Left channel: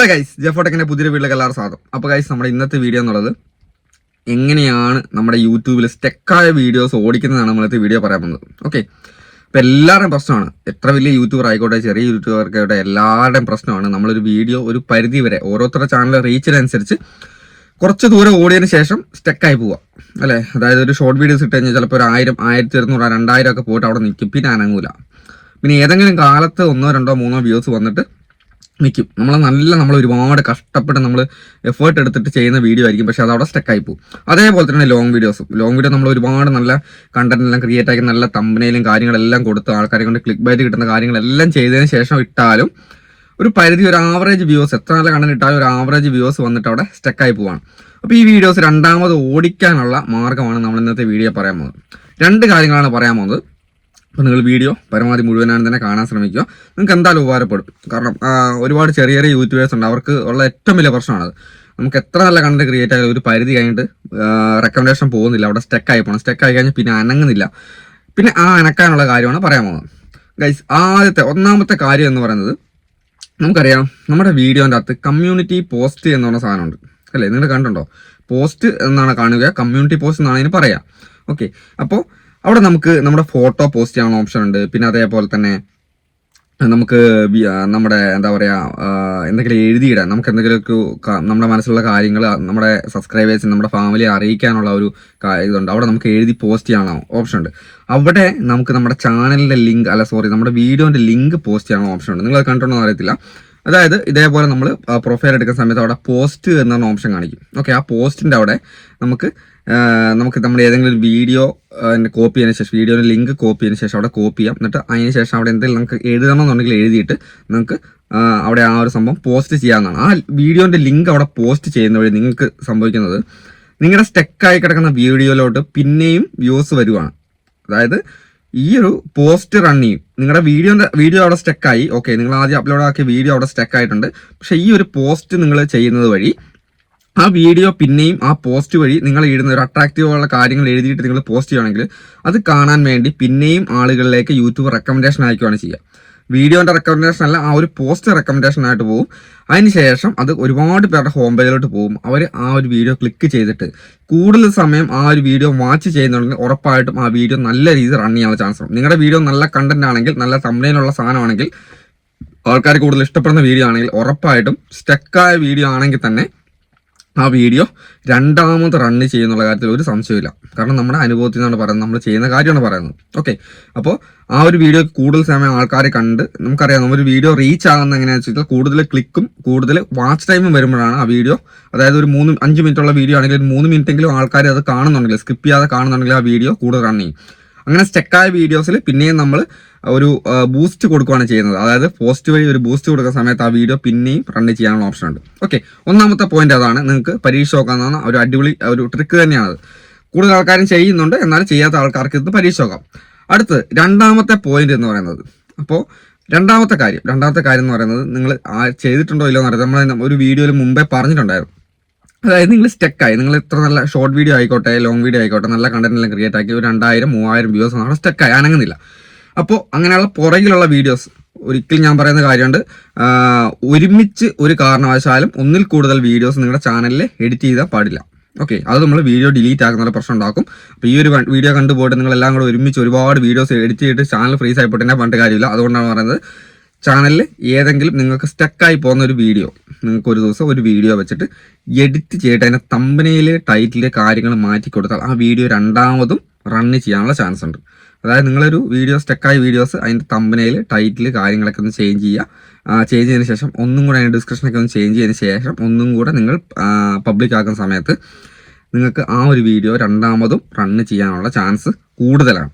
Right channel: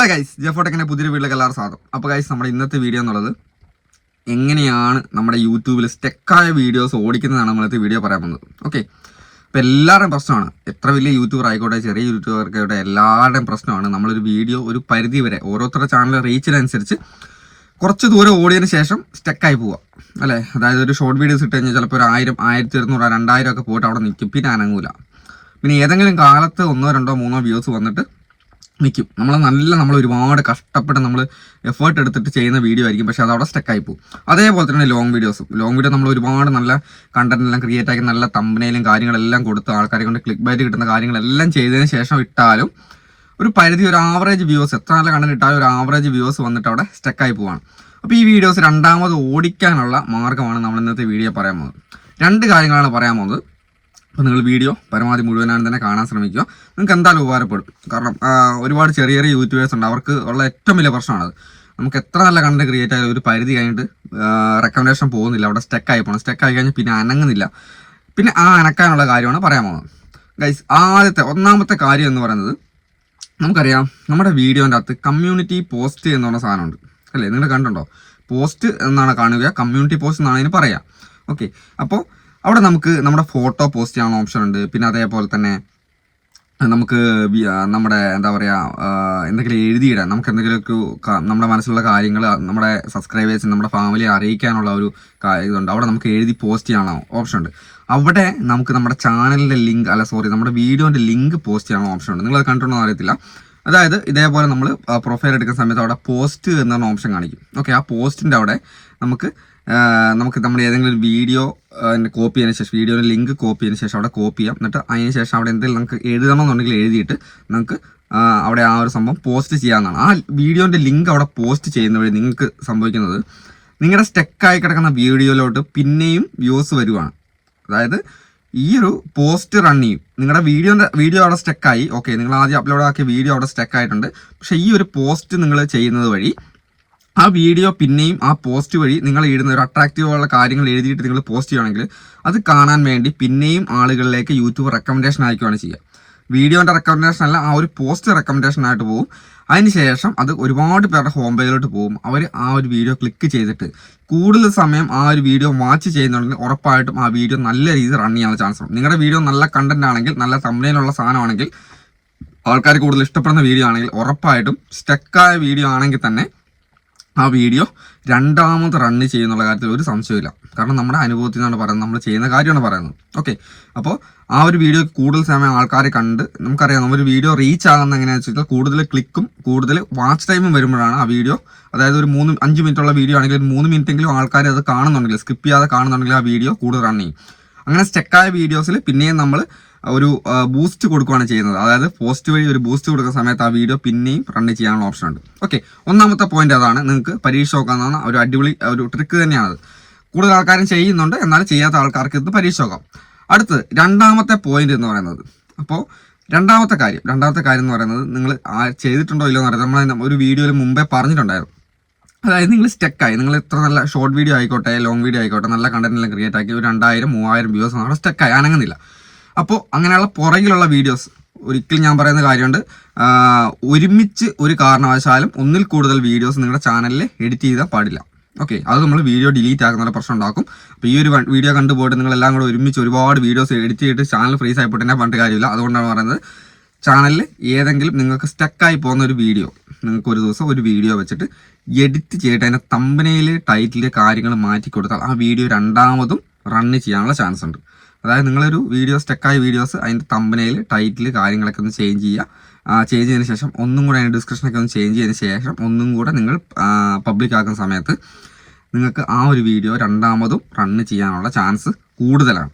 Hello guys ജെഫോട്ടെക്കിന്റെ പുതിയൊരു വീട്ടിലേക്ക് എല്ലാവരും സ്വാഗതം. അപ്പോൾ ഗൈസ് നമ്മുടെ ഇന്നത്തെ വീഡിയോ എന്നുള്ളത് എങ്ങനെയാണ് നമ്മുടെ യൂട്യൂബിൽ സ്റ്റെക്കായ വീഡിയോസ് ഓടിക്കുന്നതാണ് നമ്മളത്തെ വീഡിയോ പറയാൻ പോകുന്നത്. ഓക്കെ അപ്പോൾ എല്ലാവരുടെയും പ്രശ്നമാണ്. എത്ര വലിയ യൂട്യൂബർ ആയിക്കോട്ടെ ചെറിയ യൂട്യൂബർക്കായിക്കോട്ടെ എല്ലാവരുടെയും പ്രശ്നമാണ്. നമ്മളൊരു വീഡിയോ ഒരു പരിധി വരെ ഓരോരുത്തരുടെ ചാനൽ റീച്ചിനനുസരിച്ച് കുറച്ച് ദൂരം ഓടിയതിന് ശേഷം സ്റ്റെക്കായി പോവുക അല്ലേ? അതായത് ഒരു ഷോർട്ട് വീഡിയോസ് ഇട്ട് കഴിഞ്ഞാൽ ചിലപ്പോൾ ഒരു ആയിരം ആയിരത്തി ഇരുന്നൂറ് രണ്ടായിരം ഒക്കെ പോയിട്ട് അവിടെ നിൽക്കും പിന്നെ അനങ്ങൂല. പിന്നെ ഏതെങ്കിലും കാലത്ത് ഒന്നോ രണ്ടോ മൂന്നോ വ്യൂസ് വന്നിട്ട് നിൽക്കും നമ്മൾ നല്ല നമ്മൾ ഒരുപാട് കഷ്ടപ്പെട്ട് നമ്മൾ എഫേർട്ട് എടുത്തിട്ട് ചെയ്യുന്ന വീഡിയോ ആയിരിക്കും. പക്ഷെ അത് അവിടെ സ്റ്റക്കായി പോകും അതേപോലെ തന്നെ ലോങ് വീഡിയോസും ലോങ് വീഡിയോ നമ്മൾ ഒരുപാട് നല്ല കണ്ടന്റ് എല്ലാം ക്രിയേറ്റ് ആക്കി നല്ല തമ്പനയിലും കാര്യങ്ങളെല്ലാം കൊടുത്ത് ആൾക്കാരെ കൊണ്ട് ക്ലിക്ക് ബൈറ്റ് കിട്ടുന്ന കാര്യങ്ങളെല്ലാം ചെയ്തതിന് ശേഷം ഇട്ടാലും ഒരു പരിധി ഒരു ആവറേജ് വ്യൂസ് എത്ര നല്ല കണ്ടന്റ് ഇട്ടാലും ഒരു ആവറേജ് വ്യൂസ് വന്നിട്ട് അവിടെ സ്റ്റക്കായി പോവാണ്. അപ്പോൾ ഈ വീഡിയോസ് രണ്ടാമത് ഓടിക്കാനുള്ള മാർഗമാണ് നമ്മൾ ഇന്നത്തെ വീഡിയോ പറയാൻ പോകുന്നത്. രണ്ട് കാര്യങ്ങളാണ് പറയാൻ പോകുന്നത്. അപ്പോൾ നിങ്ങൾ വീഡിയോ പരമാവധി മുഴുവനാണ് തന്നെ കാണാൻ ശ്രമിക്കുക. നിങ്ങൾക്ക് എന്തായാലും ഉപകാരപ്പെടും. കാരണം ഒരുപാട് ചെറിയ ചെറിയ യൂട്യൂബേഴ്സ് ഉണ്ട്. അവർക്ക് ഉള്ള ഏറ്റവും വലിയ പ്രശ്നമാണത് നമുക്ക് എത്ര നല്ല കണ്ടന്റ് ക്രിയേറ്റ് ആയാലും ഒരു പരിധി കഴിഞ്ഞിട്ട് റെക്കമെൻഡേഷൻ പോകുന്നില്ല. അവിടെ സ്റ്റക്ക് ആയി പോകണം സ്റ്റെക്ക് ആയി കഴിഞ്ഞാൽ പിന്നെ അനങ്ങുന്നില്ല. പിന്നെ ആ അനക്കാനുള്ള കാര്യമാണ് പറയാൻ പോകുന്നത്. ഗൈസ് ആദ്യത്തെ ഒന്നാമത്തെ കാര്യം എന്ന് പറയുന്നത് നമുക്കറിയാം നമ്മുടെ വീഡിയോന്റെ അകത്ത് കമ്മ്യൂണിറ്റി പോസ്റ്റ് എന്ന് പറഞ്ഞ സാധനമുണ്ട്. അല്ലേ? നിങ്ങൾ കണ്ടുണ്ടോ പോസ്റ്റ് എന്നാണ് കാണുക കമ്മ്യൂണിറ്റി പോസ്റ്റ് എന്നാണ് ഇതിന് പറയാം ഓക്കെ അപ്പോൾ അവിടെ നമുക്ക് നമ്മുടെ ഫോട്ടോ പോസ്റ്റ് ചെയ്യാനുള്ള ഓപ്ഷൻ ഉണ്ട്. പിന്നെ അതേപോലെ തന്നെ നമുക്ക് നമ്മുടെ എന്താ പറയുക എന്തെങ്കിലും എഴുതിയിടാൻ നമുക്ക് എന്തെങ്കിലും നമ്മുടെ മനസ്സിലുള്ള കാര്യങ്ങൾ നമ്മുടെ സബ്സ്ക്രൈബേഴ്സ് നമ്മുടെ ഫാമിലി അറിയിക്കാനുള്ള ഒരു ഇതുണ്ട്. അവിടെ നമുക്ക് എഴുതി പോസ്റ്റ് ചെയ്യാനുള്ള ഓപ്ഷൻ ഉണ്ട്. അവിടെ നമുക്ക് നമ്മുടെ ചാനലിന്റെ ലിങ്ക് അല്ല സോറി നമ്മുടെ വീഡിയോന്റെ ലിങ്ക് പോസ്റ്റ് ചെയ്യാനുള്ള ഓപ്ഷൻ ഉണ്ട്. നിങ്ങൾ കണ്ടിട്ടുണ്ടോ എന്ന് അറിയത്തില്ല. അതായത് ഇതേപോലെ നമ്മൾ പ്രൊഫൈൽ എടുക്കുന്ന സമയത്ത് അവിടെ പോസ്റ്റ് എന്നാണ് ഓപ്ഷൻ കാണിക്കും. ഓക്കെ ആ പോസ്റ്റിന്റെ അവിടെ നമുക്ക് നമുക്ക് നമ്മൾ ഏതെങ്കിലും വീഡിയോ കോപ്പി ചെയ്തതിന് ശേഷം വീഡിയോയുടെ ലിങ്ക് കോപ്പി ചെയ്തതിന് ശേഷം അവിടെ കോപ്പി ചെയ്യാം. എന്നിട്ട് അതിന് ശേഷം അവിടെ എന്തെങ്കിലും നമുക്ക് എഴുതണമെന്നുണ്ടെങ്കിൽ എഴുതിയിട്ട് നമുക്ക് അവിടെ ആ ഒരു സംഭവം പോസ്റ്റ് ചെയ്യാവുന്നതാണ്. ആ വീഡിയോന്റെ ലിങ്ക് അവിടെ പോസ്റ്റ് ചെയ്യുന്ന വഴി നിങ്ങൾക്ക് സംഭവിക്കുന്നത് നിങ്ങളുടെ സ്റ്റെക്കായി കിടക്കുന്ന വീഡിയോയിലോട്ട് പിന്നെയും വ്യൂസ് വരുവാണ്. അതായത് ഈ ഒരു പോസ്റ്റ് റൺ ചെയ്യും നിങ്ങളുടെ വീഡിയോന്റെ വീഡിയോ അവിടെ സ്റ്റക്കായി ഓക്കെ നിങ്ങൾ ആദ്യം അപ്ലോഡ് ആക്കിയ വീഡിയോ അവിടെ സ്റ്റക്ക് ആയിട്ടുണ്ട്. പക്ഷെ ഈ ഒരു പോസ്റ്റ് നിങ്ങൾ ചെയ്യുന്നത് വഴി ആ വീഡിയോ പിന്നെയും ആ പോസ്റ്റ് വഴി നിങ്ങൾ ഇടുന്ന ഒരു അട്രാക്റ്റീവ് ഉള്ള കാര്യങ്ങൾ എഴുതിയിട്ട് നിങ്ങൾ പോസ്റ്റ് ചെയ്യുകയാണെങ്കിൽ അത് കാണാൻ വേണ്ടി പിന്നെയും ആളുകളിലേക്ക് യൂട്യൂബ് റെക്കമെൻഡേഷൻ അയക്കുകയാണ് ചെയ്യുക. വീഡിയോന്റെ റെക്കമെൻഡേഷൻ അല്ല ആ ഒരു പോസ്റ്റ് റെക്കമെൻഡേഷൻ ആയിട്ട് പോകും അതിനുശേഷം അത് ഒരുപാട് പേരുടെ ഹോം പേജിലോട്ട് പോകും അവർ ആ ഒരു വീഡിയോ ക്ലിക്ക് ചെയ്തിട്ട് കൂടുതൽ സമയം ആ ഒരു വീഡിയോ വാച്ച് ചെയ്യുന്നുണ്ടെങ്കിൽ ഉറപ്പായിട്ടും ആ വീഡിയോ നല്ല രീതിയിൽ റൺ ചെയ്യാനുള്ള ചാൻസ് ഉണ്ട്. നിങ്ങളുടെ വീഡിയോ നല്ല കണ്ടന്റ് ആണെങ്കിൽ നല്ല തമ്മിലുള്ള സാധനമാണെങ്കിൽ ആൾക്കാർ കൂടുതൽ ഇഷ്ടപ്പെടുന്ന വീഡിയോ ആണെങ്കിൽ ഉറപ്പായിട്ടും സ്റ്റക്കായ വീഡിയോ ആണെങ്കിൽ തന്നെ ആ വീഡിയോ രണ്ടാമത് റണ്ണ് ചെയ്യുന്നുള്ള കാര്യത്തിൽ ഒരു സംശയമില്ല കാരണം നമ്മുടെ അനുഭവത്തിൽ നിന്നാണ് പറയുന്നത്. നമ്മൾ ചെയ്യുന്ന കാര്യമാണ് പറയുന്നത്. ഓക്കെ അപ്പോൾ ആ ഒരു വീഡിയോ കൂടുതൽ സമയം ആൾക്കാരെ കണ്ട് നമുക്കറിയാം നമ്മുടെ വീഡിയോ റീച്ച് ആകുന്ന എങ്ങനെയാണെന്ന് വെച്ചാൽ കൂടുതൽ ക്ലിക്കും കൂടുതൽ വാച്ച് ടൈമും വരുമ്പോഴാണ് ആ വീഡിയോ അതായത് ഒരു മൂന്ന് അഞ്ച് മിനിറ്റ് ഉള്ള വീഡിയോ ആണെങ്കിൽ മൂന്ന് മിനിറ്റ് എങ്കിലും ആൾക്കാർ അത് കാണുന്നുണ്ടെങ്കിൽ സ്കിപ്പ് ചെയ്യാതെ കാണുന്നുണ്ടെങ്കിൽ ആ വീഡിയോ കൂടുതൽ റൺ ചെയ്യും. അങ്ങനെ സ്റ്റെക്കായ വീഡിയോസിൽ പിന്നെയും നമ്മൾ ഒരു ബൂസ്റ്റ് കൊടുക്കുകയാണ് ചെയ്യുന്നത്. അതായത് പോസ്റ്റ് വഴി ഒരു ബൂസ്റ്റ് കൊടുക്കുന്ന സമയത്ത് ആ വീഡിയോ പിന്നെയും റൺ ചെയ്യാനുള്ള ഓപ്ഷൻ ഉണ്ട്. ഓക്കെ ഒന്നാമത്തെ പോയിന്റ് അതാണ് നിങ്ങൾക്ക് പരീക്ഷ നോക്കാവുന്ന ഒരു അടിപൊളി ഒരു ട്രിക്ക് തന്നെയാണത്. കൂടുതൽ ആൾക്കാരും ചെയ്യുന്നുണ്ട് എന്നാൽ ചെയ്യാത്ത ആൾക്കാർക്ക് ഇത് പരീക്ഷ നോക്കാം. അടുത്ത് രണ്ടാമത്തെ പോയിന്റ് എന്ന് പറയുന്നത്. അപ്പോൾ രണ്ടാമത്തെ കാര്യം രണ്ടാമത്തെ കാര്യം എന്ന് പറയുന്നത് നിങ്ങൾ ചെയ്തിട്ടുണ്ടോ ഇല്ലോ എന്ന് അറിയാം നമ്മൾ ഒരു വീഡിയോയിൽ മുമ്പേ പറഞ്ഞിട്ടുണ്ടായിരുന്നു. അതായത് നിങ്ങൾ സ്റ്റെക്കായി നിങ്ങൾ ഇത്ര നല്ല ഷോർട്ട് വീഡിയോ ആയിക്കോട്ടെ ലോങ് വീഡിയോ ആയിക്കോട്ടെ നല്ല കണ്ടന്റ് എല്ലാം ക്രിയേറ്റ് ആക്കി ഒരു രണ്ടായിരം മൂവായിരം വ്യൂസ് ആണ് സ്റ്റെക്കായി അനങ്ങുന്നില്ല. അപ്പോൾ അങ്ങനെയുള്ള പുറകിലുള്ള വീഡിയോസ് ഒരിക്കലും ഞാൻ പറയുന്ന കാര്യമുണ്ട്. ഒരുമിച്ച് ഒരു കാരണവശാലും ഒന്നിൽ കൂടുതൽ വീഡിയോസ് നിങ്ങളുടെ ചാനലിൽ എഡിറ്റ് ചെയ്താൽ പാടില്ല. ഓക്കെ അത് നമ്മൾ വീഡിയോ ഡിലീറ്റ് ആക്കുന്ന പ്രശ്നം ഉണ്ടാക്കും. അപ്പോൾ ഈ ഒരു വീഡിയോ കണ്ടുപോയിട്ട് നിങ്ങൾ എല്ലാം കൂടെ ഒരുമിച്ച് ഒരുപാട് വീഡിയോസ് എഡിറ്റ് ചെയ്തിട്ട് ചാനൽ ഫ്രീസ് ആയിപ്പോട്ടെ പറഞ്ഞിട്ട് കാര്യമില്ല. അതുകൊണ്ടാണ് പറയുന്നത് ചാനലിൽ ഏതെങ്കിലും നിങ്ങൾക്ക് സ്റ്റക്കായി പോകുന്ന ഒരു വീഡിയോ നിങ്ങൾക്ക് ഒരു ദിവസം ഒരു വീഡിയോ വെച്ചിട്ട് എഡിറ്റ് ചെയ്തിട്ട് അതിന്റെ തമ്പനയിൽ ടൈറ്റിൽ കാര്യങ്ങൾ മാറ്റി കൊടുത്താൽ ആ വീഡിയോ രണ്ടാമതും റണ്ണ് ചെയ്യാനുള്ള ചാൻസ് ഉണ്ട്. അതായത് നിങ്ങളൊരു വീഡിയോ സ്റ്റക്കായ വീഡിയോസ് അതിന്റെ തമ്പനയിൽ ടൈറ്റിൽ കാര്യങ്ങളൊക്കെ ഒന്ന് ചേഞ്ച് ചെയ്യുക. ചേഞ്ച് ചെയ്തതിന് ശേഷം ഒന്നും കൂടെ അതിന്റെ ഡിസ്ക്രിപ്ഷനൊക്കെ ഒന്ന് ചേഞ്ച് ചെയ്തതിന് ശേഷം ഒന്നും കൂടെ നിങ്ങൾ പബ്ലിക് ആക്കുന്ന സമയത്ത് നിങ്ങൾക്ക് ആ ഒരു വീഡിയോ രണ്ടാമതും റണ്ണ് ചെയ്യാനുള്ള ചാൻസ് കൂടുതലാണ്.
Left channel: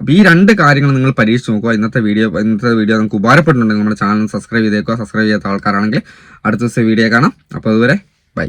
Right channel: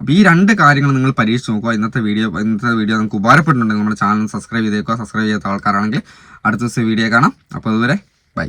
അപ്പോൾ ഈ രണ്ട് കാര്യങ്ങൾ നിങ്ങൾ പരീക്ഷിച്ച് നോക്കുക. ഇന്നത്തെ വീഡിയോ ഇന്നത്തെ വീഡിയോ നിങ്ങൾക്ക് ഉപകാരപ്പെട്ടിട്ടുണ്ടെങ്കിൽ നമ്മുടെ ചാനൽ സബ്സ്ക്രൈബ് ചെയ്തേക്കുക. സബ്സ്ക്രൈബ് ചെയ്യാത്ത ആൾക്കാരാണെങ്കിൽ അടുത്ത ദിവസം വീഡിയോ കാണാം. അപ്പോൾ അതുവരെ ബൈ